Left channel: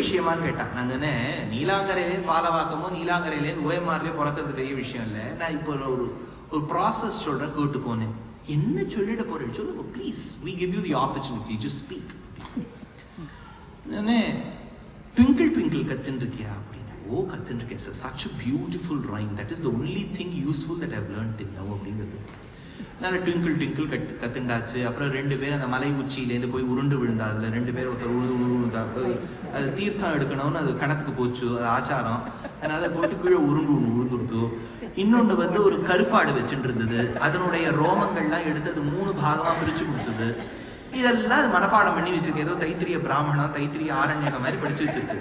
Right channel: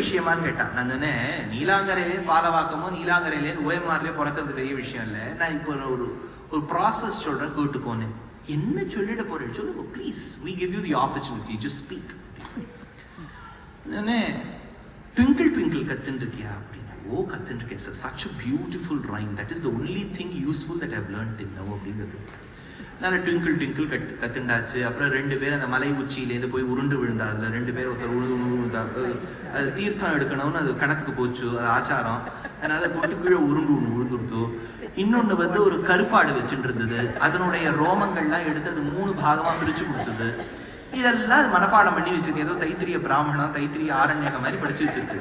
விஷயமான்னு கேட்டான். நான் சொன்னேன், நீலாங்கரையிலேருந்து பாலவாக்கமோ நீலாங்கரையிலேருந்து ஓஎம்ஆர்லயோ பிறக்கிறது பெரிய விஷயம் இல்லை. நான் இப்போ ஒரு ப்ராசஸ் சொல்றேன், கேட்டுக்கோன்னு. என்ன சொல்லிட போறேன் சொல்லுங்க please, we give you the opportunity, just speak. நானே ட்விங்கிள் ட்விங்கிள் கத்துன்னு இருக்கியா அப்படின்னு. ஓ கத்துன்னு இருக்கேன் sir, such a beautiful rhyme, that is the only thing useful that I've learned till now அப்படிங்கிறது. நான் ட்விங்கிள் ட்விங்கிள் கத்துண்டாச்சு. அப்புறம் 2 பேர் அந்த மலை உச்சியிலேருந்து போய் உருண்டு விழுந்தா. அதில் 2 பேர் ஒருத்தர் உழுந்தா, அது தீர்த்தம் எடுக்கணும்னு அது கணத்துக்கு போச்சு, அது ஆச்சாரம். அதனால போட்டு கீழே உழுந்துடுத்து. இன்னொன்று ஒரு கருப்பாடு வச்சுட்டு இருந்தது, அதனுடைய ரோமங்கள்லாம் எடுத்து அது 3 பாகமாக பிரித்து கொடுத்தது. இதெல்லாம் அது மனப்பாடம் பண்ணி வச்சிருக்கு. ஏதோ தைத்திரிய பிராமணம், தைத்திரிய ஆரண்யகம் மாதிரி படிச்சு வச்சிருக்கு.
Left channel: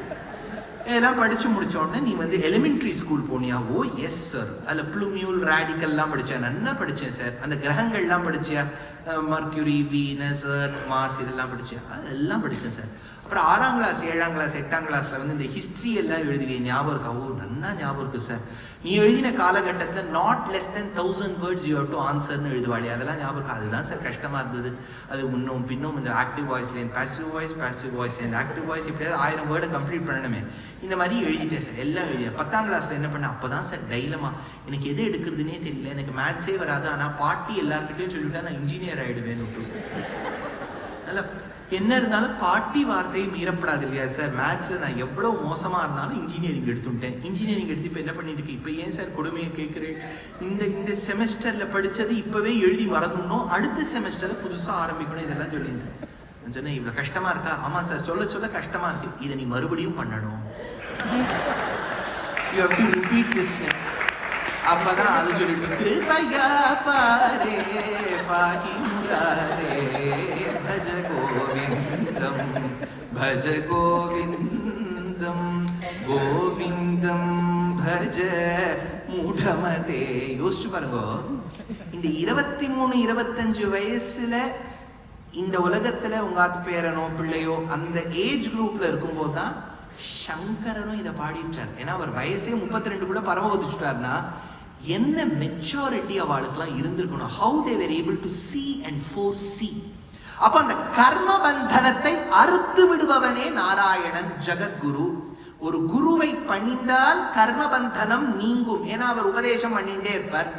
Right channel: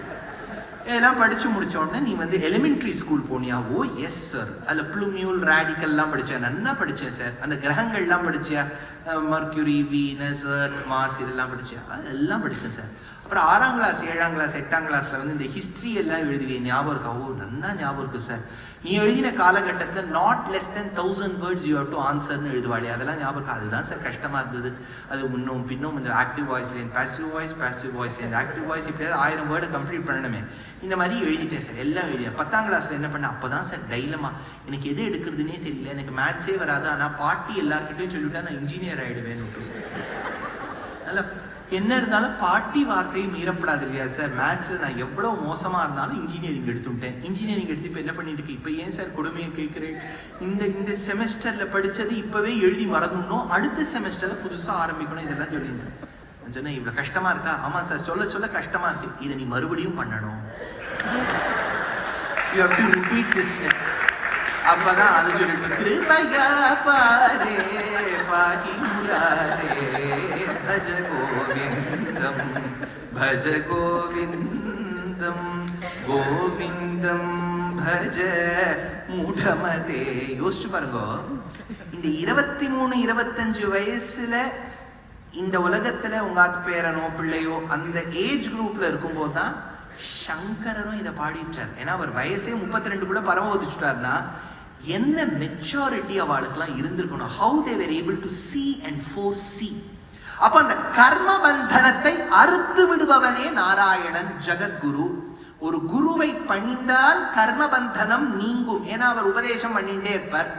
இதெல்லாம் படிச்சு முடிச்ச உடனே நீ எலிமெண்ட்ரி ஸ்கூல் போனியா? ஓ எஸ் சார். அதில் ப்ளூமியூல் ரேடிக்கல்லாம் படித்தேன், நல்லா படித்தேன் சார். அந்த கிரகங்கள்லாம் படிச்சியா? மர்க்யூரி, வீனஸ், மார்ஸ் இதெல்லாம் படிச்சியா? அதெல்லாம் படித்தேன் சார். அப்புறம் 6ஆம் கிளாஸ் 7ஆம் கிளாஸ் 8ஆம் கிளாஸில் இந்த ஹிஸ்ட்ரி எல்லாம் எழுதுவேன், ஞாபகம் இருக்கா? ஓ நல்லா ஞாபகம் இருக்கு சார். நீ எழுதின காலகட்டத்தில் not less than 1000 words you have to answerன்னு எழுதுவாளே, அதெல்லாம் ஞாபகம். அதுதான் சார் கஷ்டமாக இருந்தது. அது முன்னும் பின்னும் இந்த ஆக்டிவ் வாய்ஸ்லேருந்து பாசிவ் வாய்ஸ்லேருந்து ஆக்டிவ் வாய்ஸ், இப்படியாவது 1000 வேர்டை கம்ப்ளீட் பண்ணணுமே. இந்த மாதிரி எழுதிட்டேன் சார், எல்லாம் எழுதிட்டேன். 10ஆம் கிளாஸில் என்ன பண்ணேன், அப்போ தான் சார் டைலமா, எனக்கு எது எடுக்கிறதுனே தெரியல, எனக்கு மேத்ஸே வராது, ஆனால் பாட்டி எல்லாருக்கிட்டையும் சொல்லிவிட்டா நான் இன்ஜினியர் ஆகிடுவேன்னு. நல்லா என்ன இருந்தாலும் பாட்டி வார்த்தையை மீறப்படாது இல்லையா சார். மேத்ஸில் நான் எவ்வளோ மோசமாக இருந்தாலும் இன்ஜினியரிங் எடுத்துட்டேன். இன்ஜினியரிங் எடுத்து இப்போ என்ன பண்ணிட்டு இருக்கு? இப்போ ஏன் சார் கொடுமையை கேட்குறேன்? இந்த செமஸ்டரில் படித்தது இப்போவே எழுதி மறந்துடணும், அடுத்த செமஸ்டரில் புதுசாக ஆரம்பிக்கணும், இதெல்லாம் சொல்லியிருந்தேன். நான் சொன்னேன், இவ்வளோ கஷ்டமாக இருக்கா? ஆமாம் சார், சொல்ல சொல்ல கஷ்டமாக இருக்கு, இதை நீ மறுபடியும் பண்ணணும். You have to repeat this. அப்பதான் அது சொல்லிட்டு கிருபையா பாரே பாகி முராரே பஜ கோவிந்தம் பஜ கோவிந்தம் கோவிந்தம் பஜ மூடமதே. யோசிச்சு பாருங்க, இந்த 23 25 வயசுல இந்த உலகத்துல உங்க பேரனோ பிள்ளையோ அந்த ஏஜ் குரூப்ல இருக்கும்போது தான் சங்கரனும் இதை பாடிட்டார். ஏன்னா அவர் வயசே 32 பரம வதிச்சுட்டார்னா என்ன மெச்சூரிட்டி அவளுக்கெல்லாம் இருந்திருக்கணும். how they were able to see and foresee. அப்ப அந்த கர்ம பந்தனத்தை அறுத்து விடுபவனே நாராயணன் ஜெகத்குரு. ஒரு குருவை பணிந்தால் கர்ம பந்தனம் நீங்கும். ஏன்னா அவர் உபதேசம் பண்ணிட்டே இருப்பார்.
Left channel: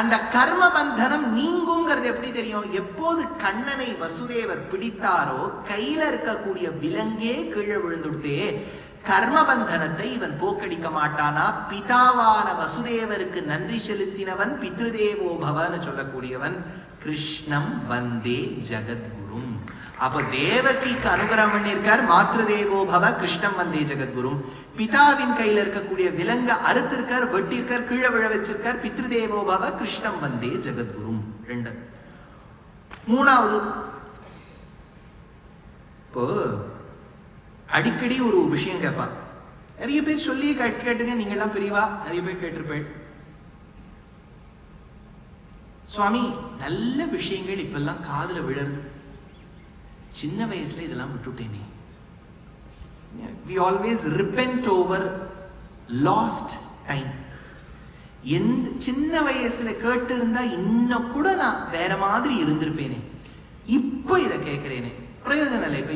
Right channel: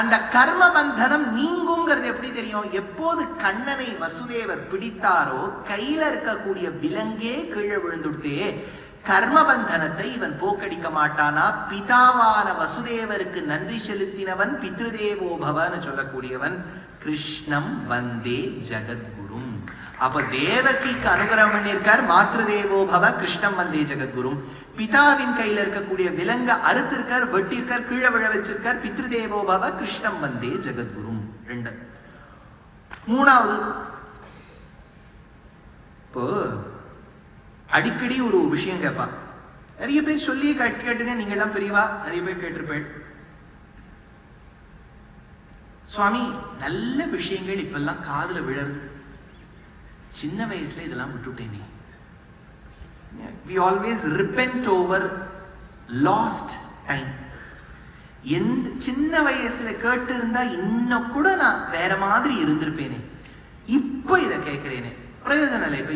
அந்த கர்ம பந்தனம் நீங்குங்கிறது எப்படி தெரியும்? எப்போது கண்ணனை வசுதேவர் பிடித்தாரோ கையில இருக்கக்கூடிய விலங்கே கீழே விழுந்துடுதே, கர்மபந்தனத்தை இவன் போக்கடிக்க மாட்டானா? பிதாவான வசுதேவருக்கு நன்றி செலுத்தினவன் பித்ருதேவோ பவன்னு சொல்லக்கூடியவன். கிருஷ்ணம் வந்தே ஜெகத்குரும். அப்ப தேவகிக்கு அனுகிரகம் பண்ணியிருக்கார், மாத்ருதேவோ பவ கிருஷ்ணம் வந்தே ஜெகத்குரும். பிதாவின் கையில இருக்கக்கூடிய விலங்க அறுத்திருக்கார், வெட்டிருக்கார், கீழே விழ வச்சிருக்கார். பித்ருதேவோ பவ கிருஷ்ணம் வந்தே ஜெகத்குரும். 2. 3வது, இப்போ அடிக்கடி ஒரு விஷயம் கேட்பா. நிறைய பேர் சொல்லி கேட்டுங்க, நீங்க எல்லாம் பெரியவா நிறைய பேர் கேட்டிருப்பேன். சுவாமி நல்ல விஷயங்கள் இப்பெல்லாம் காதுல விழது, சின்ன வயசுல இதெல்லாம் விட்டுட்டேனே. We always repent over lost time. சின்ன வயசுல கேட்டு இருந்தா இன்னும் கூட நான் வேற மாதிரி இருந்திருப்பேனே, இப்போ இதை கேட்கிறேனே. பிரயோஜனம் இல்லை. இப்போ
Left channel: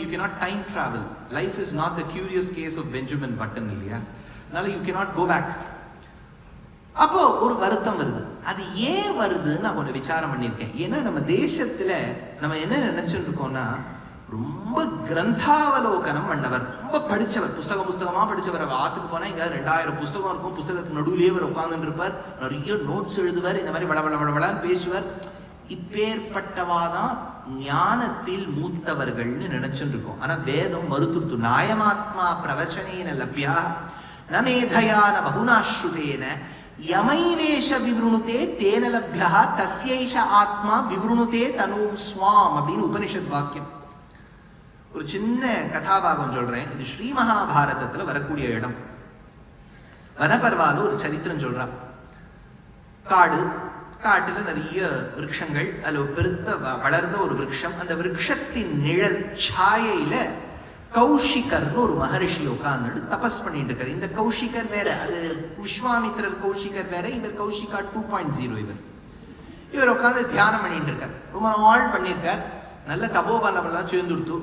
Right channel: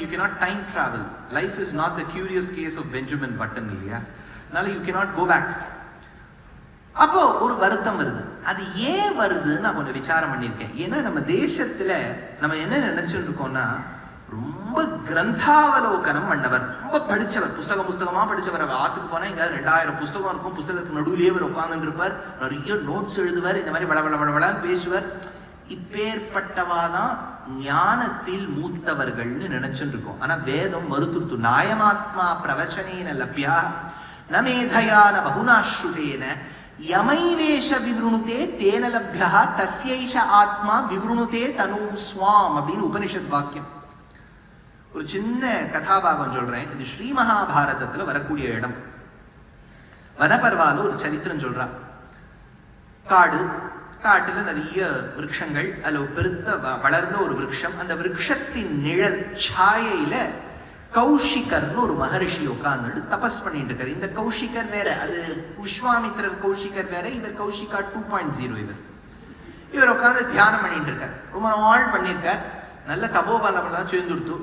you cannot time travel. Life is not the curious case of Benjamin Button இல்லையா? அதனால you cannot go back. அப்போ ஒரு வருத்தம் வருது. அது ஏன் வருதுன்னு நான் கொஞ்சம் விசாரம் பண்ணியிருக்கேன். ஏன்னா நம்ம தேசத்துல நம்ம என்ன நினைச்சுட்டு இருக்கோம்னா, ரொம்ப கிரந்தாவலோகனம் பண்ணவர், ரொம்ப படிச்சவர், புஸ்தகமா படிச்சவர். அவர் ஆத்துக்கு போனா இங்க 2000 புஸ்தகம் இருக்கும், புஸ்தகத்துக்கு நடுவிலேயே அவர் உட்கார்ந்து இருப்பார், நிறைய நோட்ஸ் எழுதுவார், இந்த மாதிரி வளவளன்னு பேசுவார். இப்பேற்பட்டவாதான் ஞானத்தில் மூத்தவர்கள்னு நினைச்சுட்டு இருக்கோம். ஆனா வேதம் மறுத்துருத்து. நாயமாத்மா பிரவச்சனேன லப்யா நமேதயான பகுனாஸ்ருதேன யமைவேஷ விவருணுதே தேன லப்யா தஸ்யைஷ ஆத்மா விவருணுதே தனு ஸ்வாம் அப்படின்னு உபனிஷத் வாக்கியம். ஒரு சின்ன கதாபாகம் சொல்றேன். இது ஸ்ரீ மகாபாரதத்துல வரக்கூடிய இடம். வனபர்வால ஒரு சரித்திரம் சொல்றா. காட்டுல நிறைய விருட்சங்கள், அதுல பெருத்த வளர்ந்த ஒரு விருட்சம். அந்த விருட்சத்தின் நிழல் சாயையில கௌஷிகர்னு ஒரு மகரிஷி உட்கார்ந்து தபஸ் பண்ணிட்டு இருக்காரு. இந்த கௌஷிகர் வேற, அது விஸ்வாமித்திரர் கௌஷிகர் வேற, இது கௌஷிகா 2.0. இவர் உட்கார்ந்து தியானம் பண்ணிட்டு இருக்கார். ரொம்ப நாள் பண்ணியிருக்கார். நல்ல தபோபலமெல்லாம் சேர்ந்துடுத்து.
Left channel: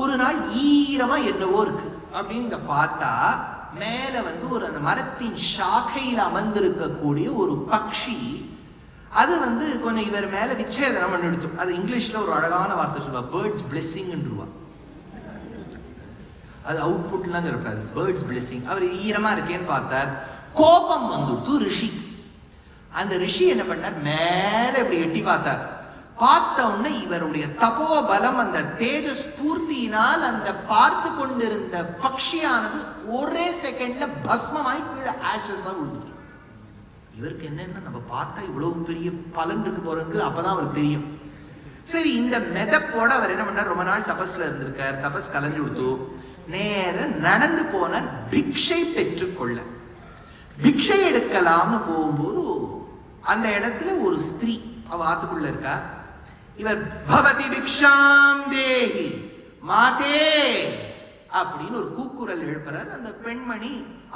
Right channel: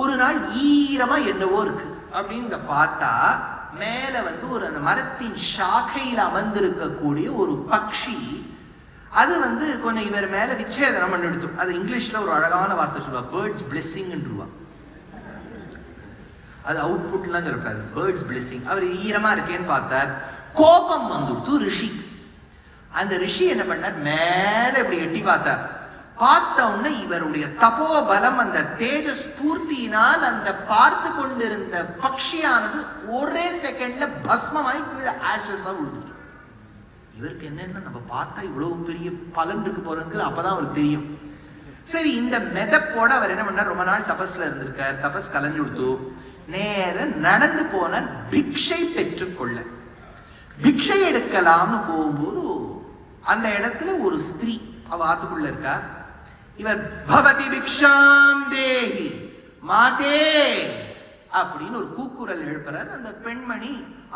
ஒரு நாள் ஈரமா என்னவோ இருக்கு அப்படின்னு பார்த்தா மேல வந்து ஒரு அந்த மரத்தின் சாக்கையில் அமர்ந்திருக்கக்கூடிய ஒரு பக்ஷி அது வந்து கொஞ்சம் இவர் மேல விச்சேதனம் பண்ணி எடுத்து. அது இங்கிலீஷ்ல ஒரு அழகான வார்த்தை சொல்லுவா, பேர்ட்ஸ் பிளெஸிங்ன்றா. அது அவுட்புட்லாம் சொல்லக்கூடாது, பேர்ட்ஸ் பிளெஸிங். அவர் ஈரமா இருக்கேன்னு பார்த்தார், கோபம் வந்துடுத்து ரிஷி. அந்த ரிஷி என்ன பண்ணார், மேல இப்படி எட்டி பார்த்தார். பார்த்த உடனே இவருடைய தபோபலம் அந்த தேஜஸ் பூர்த்தியினால் அந்த பார்த்து கொண்டிருந்த பக்ஷியானது ஒரே செகண்ட்ல பஸ்மமாய் கீழே ஆஷஸா விழுந்துச்சு. இவருக்கு என்னன்னா, நம்ம பார்த்தா இவ்வளவு பெரிய பலன் இருக்கு போறது அப்பதான் அவருக்கு தெரியும். சரி, இந்த மெதப்போட அவர் என்ன பண்ணார், ரொம்ப நாள் தபஸ்ல இருந்திருக்கார், தபஸ் கலந்து கொடுத்து நேர நடந்து போன பிக்ஷை பெற்றுக்கொள்ள. பிக்ஷை எடுக்கலாம்னு போகும்போது அந்த இடத்துல ஒரு ஸ்திரீ அவ ஆத்துக்குள்ள இருக்கா. இவர் பவதி பிக்ஷாம் தேஹி மாதே அப்படின்னு ஒரு கூக்குரல் எழுப்புறார். அந்த பெண்மணி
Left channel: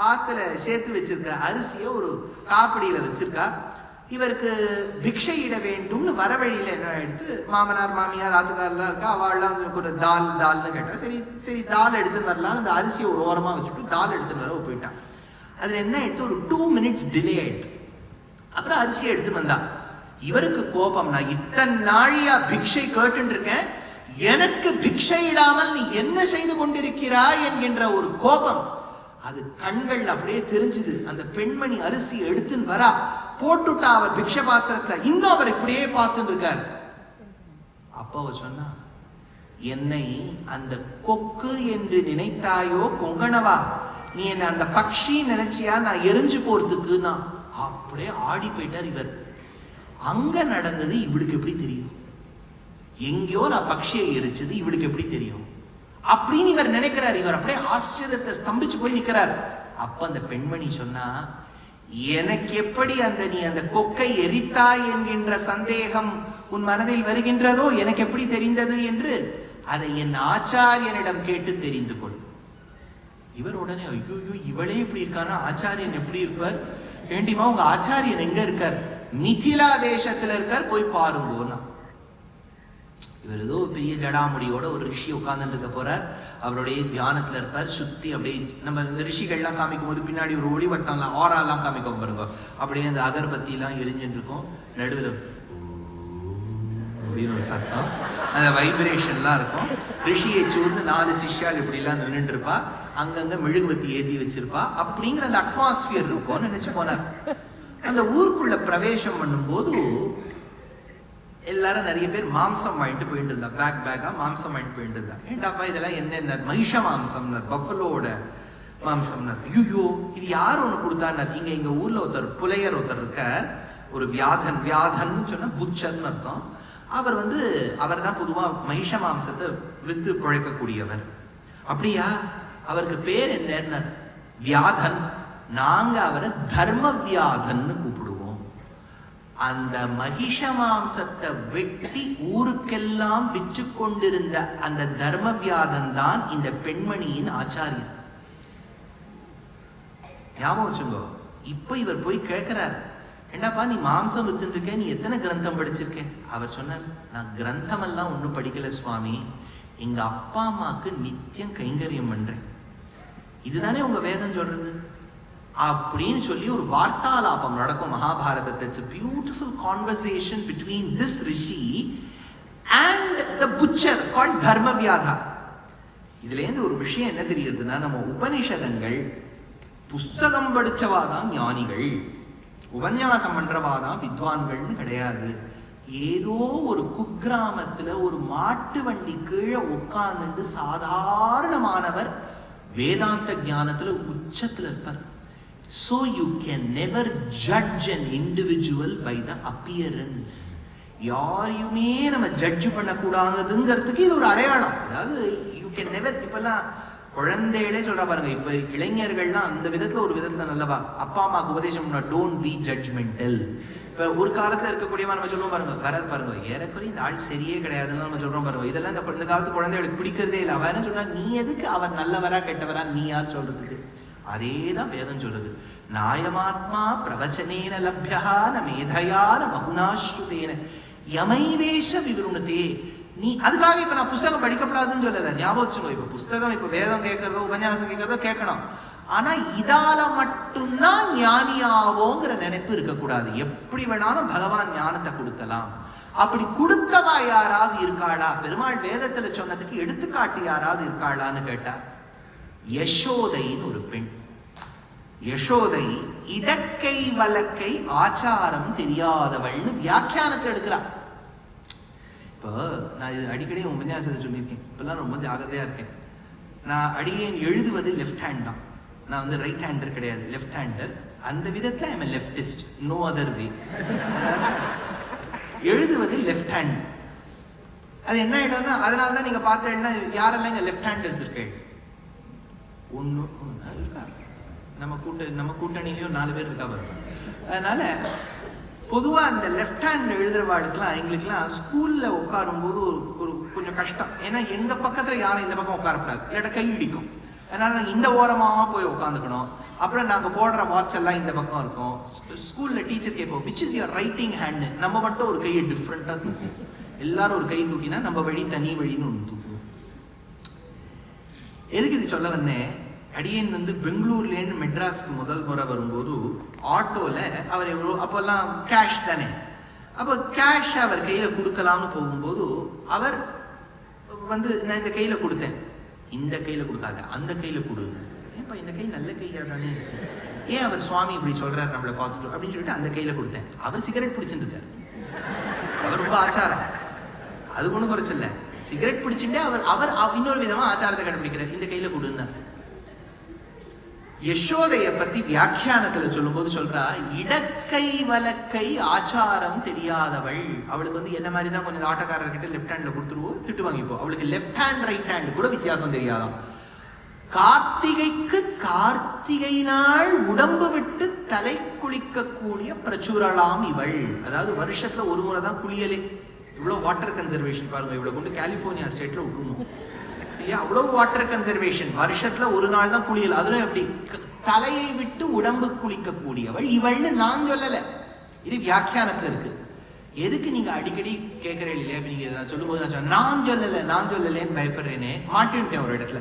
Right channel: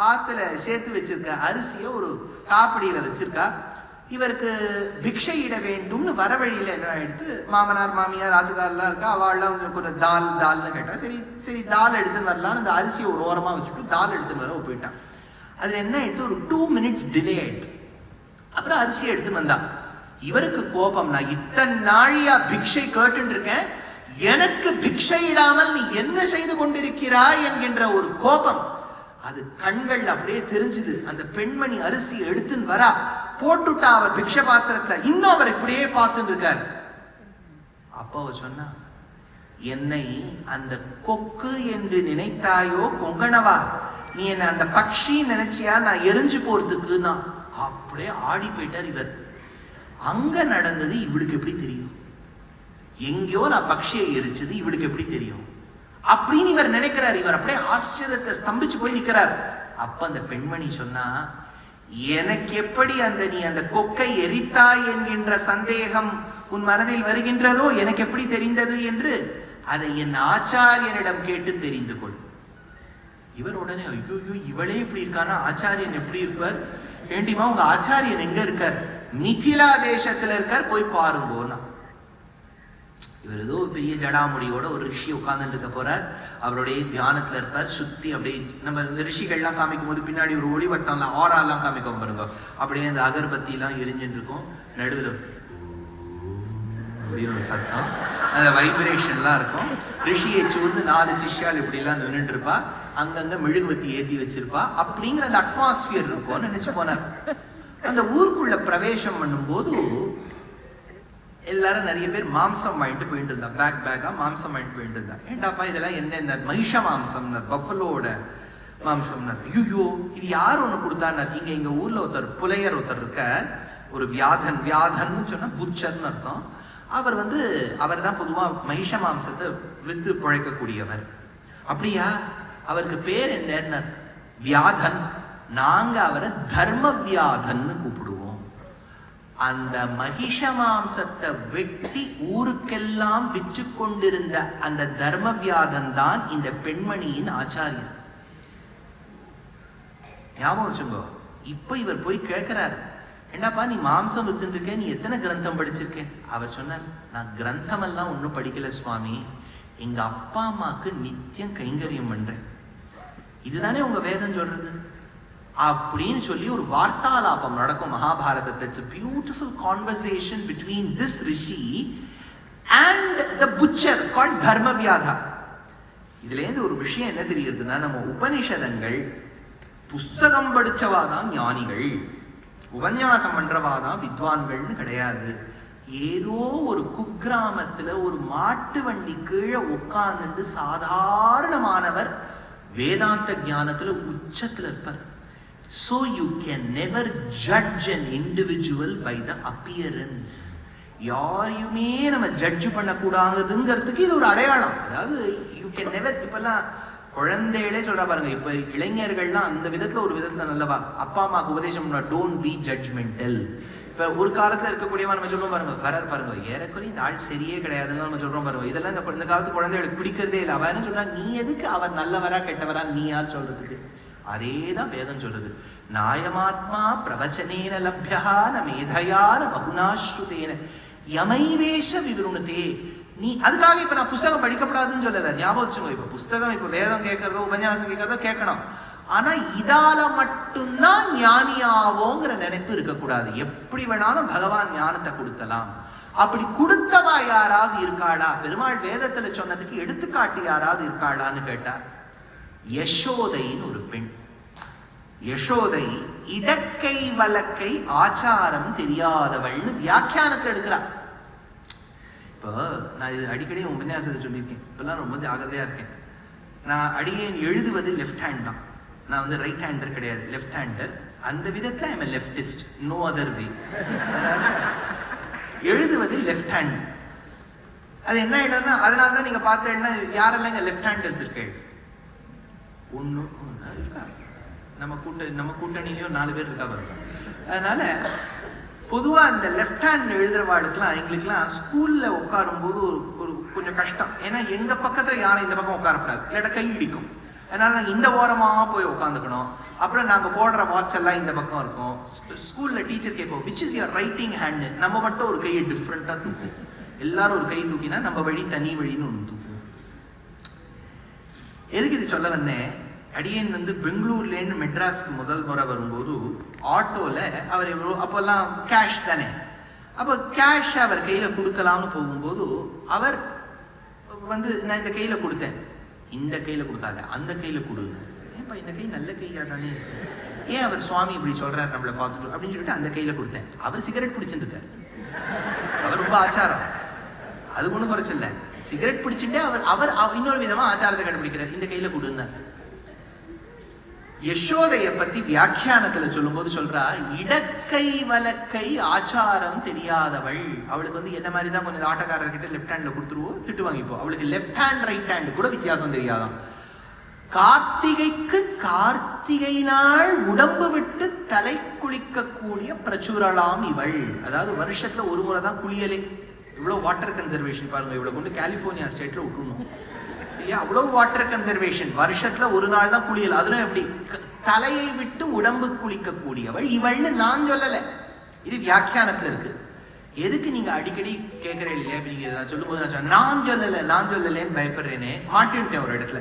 ஆத்துல சேர்த்து வச்சிருக்க அரிசிய ஒரு காப்படியில வச்சிருக்கா. இவருக்கு பிக்ஷை இட வேண்டும்னு வர வழியில என்ன ஆயிடுத்து, மாமனார் மாமியார் ஆத்துக்காரெல்லாம் இருக்கா, அவள்லாம் கொஞ்சம் தால்னு கேட்டா. சரி தால் எடுத்துன்னு வரலாம். அந்த அரிசியை ஒரு ஓரமா வச்சுட்டு தால் எடுத்துன்னு வர போயிட்டான். அதுல என்ன ஆயிடுத்து, ஒரு 2 minutes டிலே ஆயிடுச்சு. அப்புறம் அரிசியை எடுத்து வந்தா. இவருக்கு கோபம், நான் இத்தனை நாழியா பிக்ஷை கேட்டு இருக்கேன், எனக்கு பிக்ஷை இடாமல் நீ என்ன செய்து கொண்டிருக்கிறாய் என்கின்ற ஒரு கோபம் அது கண்கள் அப்படியே தெரிஞ்சுது. அந்த பெண்மணி அரிசி எடுத்துன்னு வரா, போட்டுட்டா அவர் பிக்ஷ பாத்திரத்துல. இன்னும் அவர் இப்படியே பார்த்துட்டு இருக்காரு. அப்ப அவ சொன்னா, என்னை அந்த கொக்கு என்று நினைத்தாயோ கொங்கணவா, நீ என்ன அந்த பக்ஷி நினைச்சியா, நான் எரிஞ்சு போறதுக்கு. நான் அப்படியே ஆடி போயிட்டார் இவர். அங்க நடந்தது இவளுக்கு எப்படி தெரியும், எங்கேயோ நான் பக்ஷியை எரிச்சது இவளுக்கு எப்படி தெரியும் அப்படின்னு இவர் நினைக்கிறார். இவர் அப்படியே ஆச்சரியத்தை ஸ்தம்பிச்சு போய் நிற்கிறார். அப்ப அந்த பெண்மணி சொன்னா, எனக்கு எப்படி அந்த நீ அந்த கொக்கை எரித்தாய் என்கின்ற சந்தேகம் உன் மனதில் வருகின்றதோ எனக்கு எப்படி தெரிந்தது என்று அதை என் ஆச்சாரியனிடம் கேட்டு தெரிந்து கொள். இவர் உடனே, ஐயோ இவளே இப்படி இருக்கானா, ஆச்சாரியன் எப்படி இருப்பார், வேண்டியமா உங்க ஆச்சாரியன் எங்க இருக்கார், மிதிலா தேசத்துல இருக்கார், போய் பாருங்கோனா. இவர் ஏதோ பெரிய ஜடாமுடியோட ஒரு ரிஷி உட்கார்ந்துட்டு இருக்க போறார். அவருடைய தியானத்துல இருப்பார். சுத்தி அப்படியே நம்ம இந்த ரிஷிகள்லாம் காமிக்கும் போது பின்னாடி ஒரு ஒளிவட்டம்லாம் ஆறாலாம் காமிக்க பாருங்க, அப்படியே அந்த அகர்பத்தி எல்லாம் எரிஞ்சுட்டு இருக்கும். நடுவில் அப்படின்னு ஒரு சத்தம், அந்த வைப்ரேஷன்லாம் இருக்கும். ரிஷியை சூழ்ந்து 4 சிஷ்யால் இப்படி எல்லாம் நின்றுட்டு இருப்பா. அங்கங்க மெழுகுவத்தி ஏத்தி வச்சிருப்பா. அப்படிங்கிற அந்த அட்மாஸ்பியர் இருக்கும்னு நினைச்சு போனார். அந்த ஊருக்குள்ள பிரவேசம் பண்ணும் போது எல்லாரும் நிறைய பேர் மாம்சம் வாங்கிட்டு போயிட்டு இருந்தா, பேக்கா மாம்சம் வாங்கிட்டு போயிட்டு இருந்தா. ஏண்டாப்பா இதெல்லாம் என்ன, மகிஷ மாம்சம், பஃபலோட மாம்சம். ஐயோ இது யார் ஒண்ணு கொடுத்தார். எங்க ஊர்ல ஒருத்தர் புலையர் ஒருத்தர் இருக்க, ஒரு வியாதன்னு சொன்னா புச்சர்னு அர்த்தம். அவர் அவர் தான் பொதுவா மகிஷ மாம்சத்தை வித்து பிழைக்கக்கூடியவர். அப்படியா, அவருக்கு பேர் என்ன, வியாதன். நாங்க அவரை தர்ம வியாதன்னு கூப்பிடுவோம். அந்த மகிஷ மாம்சத்தை வெட்டி ஊருக்கெல்லாம் விற்று கொண்டிருந்த அந்த தர்ம வியாதன் தான் இந்த பெண்மணியின் ஆச்சாரியன். ஞாபகம் வச்சுங்க. இப்ப இவர் போய் கேட்கிறார், என்னப்பா நீ மாம்சம் வித்துட்டு இருக்க, நீ எத்தனை கிரந்தம் படிச்சிருக்க? அவர் சொன்னார், நான் கிரந்தம் எல்லாம் ஒன்றும் படிக்கல சுவாமி, எங்க அப்பா அம்மாக்கு நித்தியம் கைங்கரியம் பண்றேன். இதுதானே உங்க வேதம் சொல்றது அப்படின்னு சொல்லி ஒரு வார்த்தாலாபம் நடக்கும் மகாபாரதத்தை. It's a beautiful conversation between this rishi and the butcher called Dharmavyadha. இதுல இருந்து ஒரு விஷயம் என்ன தெரியுதுன்னா, நம்ம உபனிஷதங்கள் புஸ்தகம் படிச்சவாதான் ஞானிகள், உபன்யாசம் பண்றவாதான் வித்வான்கள்னு கிடையாது. ஏதோ ஒரு குக்கிராமத்துல ஒரு மாட்டு வண்டி கீழே உட்கார்ந்து சாதாரணமானவர் வேதாந்த ஞானத்துல உச்சத்துல இருப்பார். So you can never judge an individual by the appearance. யாரையுமே நம்ம ஜட்ஜ் பண்ணக்கூடாதுங்கிறதுக்கு இது ஒரு அடையாளம். அதாவது யூ கேன் நெவர், இப்பெல்லாம் குழந்தைகளே சொல்றா பாருங்க, இப்ப இளைஞர்கள்லாம் அந்த விதத்துல ஒரு விதத்துல நல்லவா அப்பா அம்மாவுக்கு உபதேசம் பண்ண, டோன்ட் பி ஜட்ஜ்மெண்டல். இப்ப ஒரு காலத்துல இருக்கக்கூடியவா நம்ம சொல்றோம் பாருங்க, வராது பாருங்க, ஏறக்குறைய இந்த ஆள் சரியே கிடையாதுன்னு நம்ம சொல்றோம் பாருங்க. இதெல்லாம் இந்த காலத்து குழந்தைகளுக்கு பிடிக்கிறதே இல்லை. அவ என்ன சொல்றா, நீ எதுக்கு அவர் நல்லவரா கெட்டவரா நீ யார் சொல்றதுக்கு? அதேதான் வேதம் சொல்றது. நாயமாத்மா பிரவச்சனேன லப்யா ந மேதையா ந பகுனாஸ்ருதேன யமைவேஷ விவருணதே. நீ அதுக்காக இப்ப நான் புஸ்தகம் படிக்கப்படாதுன்னு சொல்லல, ஞாபகம் வச்சுக்கோ. இப்ப புஸ்தகம், இப்ப வேதம் கேட்கறதோ உபன்யாசம் கேட்கறதோ கேட்கணும். ஆனா இதால மட்டும்தான் ஞானியாவோங்கிற நினைப்பு இருக்கக்கூடாது. எப்படி வேணாலும் பகவான் ஞானத்தை கொடுக்கலாம். அப்படி கொடுத்தவா யாராவது இருக்காளா? பெருமாள் வேதத்துல சொன்னதுக்கு எடுத்துக்காட்டு யாராவது இருக்காளான்னு கேட்டா, யசோதைன்னு ஒரு பெண். யசோதை இடக்கை வலக்கை ஆச்சாரம் தெரியாதவள்னு வியாக்கியானத்தை எடுக்கிறார். இப்போ நான் இது அடிக்கடி உபன்யாசத்தை சொல்லியிருக்கேன். இப்பெல்லாம் ரொம்ப ஜாகிரதையா இருக்கேன். நான் அடியேன் எழுதுவது லெஃப்ட் ஹேண்ட் தான். நான் வந்து ரைட் ஹேண்டர் கிடையாது, லெஃப்ட் ஹேண்டர். அந்த விதத்துல I am leftist, no other way. எழுதுவது லெஃப்ட் ஹேண்ட். அது என்ன ஆயிடும்னா, அதனாலதான் நீங்க பார்த்தீங்கன்னா யாரெல்லாம் இங்க லெஃப்ட் ஹேண்டர்ஸ் இருக்கு? ஒண்ணு இருக்கா, நம்ம கூட்டணியிலயும் 4 பேர் இருக்கா பாருங்க. அதனால பொதுவா அந்த லெஃப்ட் ஹேண்ட் எழுதுறவாளுக்குலாம் எங்களுக்குலாம் ஸ்கூல்ல உட்காரும் போது ஒரு கொஞ்சம் கஷ்டம். ஏன்னா எங்க பக்கத்துல யாரும் இந்த பக்கம் உட்காரக்கூடாது, இல்லாட்ட கை இடிக்கும். அதனால நாங்க இந்த ஓரமா போய் உட்காந்துக்கணும். அப்புறம் நாங்க போடுற வாட்ச் எல்லாம் இந்த பக்கம் இருக்கும். ஸ்கூல்ல டீச்சர் கேட்போம், which is your writing hand. நம்ம மட்டும் ஒரு கையை டிஃப்ரெண்டா தூக்கும். எல்லாரும் ஒரு கை தூக்கினா நம்ம வழி தனி வழின்னு ஒன்று தூக்கும். எதுக்கு இது சொல்ல வந்தேன்? அடியேன் வந்து பெங்களூர்லேருந்து மெட்ராஸ்க்கு முதல் முறை வரும்போது ஆட்டோல அவர் எவ்வளோ, அப்பெல்லாம் கேஷ் தானே, அப்போ கேஷ் அவர் கையில கொடுக்கலாம்னு போகும்போது அவர் வந்து நான் இந்த கையில கொடுத்தேன். இந்த கையில கொடுக்காத, அந்த கையில கொடுங்க. ஏன்பா இந்த கை நல்ல கையா தானே இருக்கு, ஏன் அவர் சுவாமி இப்படி சொல்றாரு நம்மளை பார்த்துட்டு அப்படின்னு சொல்லிட்டு அந்த கையில கொடுத்தேன். அவர் சிகரெட் பிடிச்சிட்டு இருக்காரு. அவர் ரொம்ப ஆச்சாரம், அது ஒன்றும் குறைச்சில்ல. சிகரெட் பிடிச்சுட்டு அவர் இன்னொரு விதமா ஆச்சாரத்தை கண்டுபிடிக்கிறார். இந்த கையில கொடுங்க. யசோதைய பத்தி வியாக்கியானத்துல சொல்லும் போது சொல்றா, இடக்கை வலக்கை ஆச்சாரம் தெரியாதவள். அவளுக்கு வந்து என்ன மாதிரி தான் கொஞ்சம் ஆட்டக்காரர்கிட்ட லெஃப்ட் ஹேண்ட்ல கொடுத்துருவோம், திட்டு வாங்கிப்போம். அவளுக்கு லெஃப்ட் ஹேண்ட் ரைட் ஹேண்ட் கூட வித்தியாசம் தெரியாதான். கார்த்திகைக்கு கார்த்திகை நாள் உடம்பு விட்டு தலை குளிக்க கூடிய பிரச்சுரலாம் இவள். அதாவது வருஷத்துல ஒரு முறை தான் குளியலே. இவ்வளவு வாட்டர் கன்சர்வேஷன் பாருங்க. இவ்வளவு கொண்டு கலிபோர்னியா ஸ்டேட்ல விட்டுணும் இல்லையா? அவ்வளவு வாட்டர் கன்சர்வேஷன். வருஷத்துல ஒரு நாள் தான் குளியல். அதுவும் எப்படி தலையை விட்டு உடம்பு குளிக்க கூடியவள் இவள்னு நான் சொல்லல, இது வியாக்கியானத்துல இருக்கு. எதுக்கு நீங்க அடிக்கடி கேட்கறேன் இல்லையா? நீங்க சொல்லும் போது நான் சொல்லலன்னு பயப்படுறேனே, மாட்டின்ட்டேன் ஒரு இடத்துல.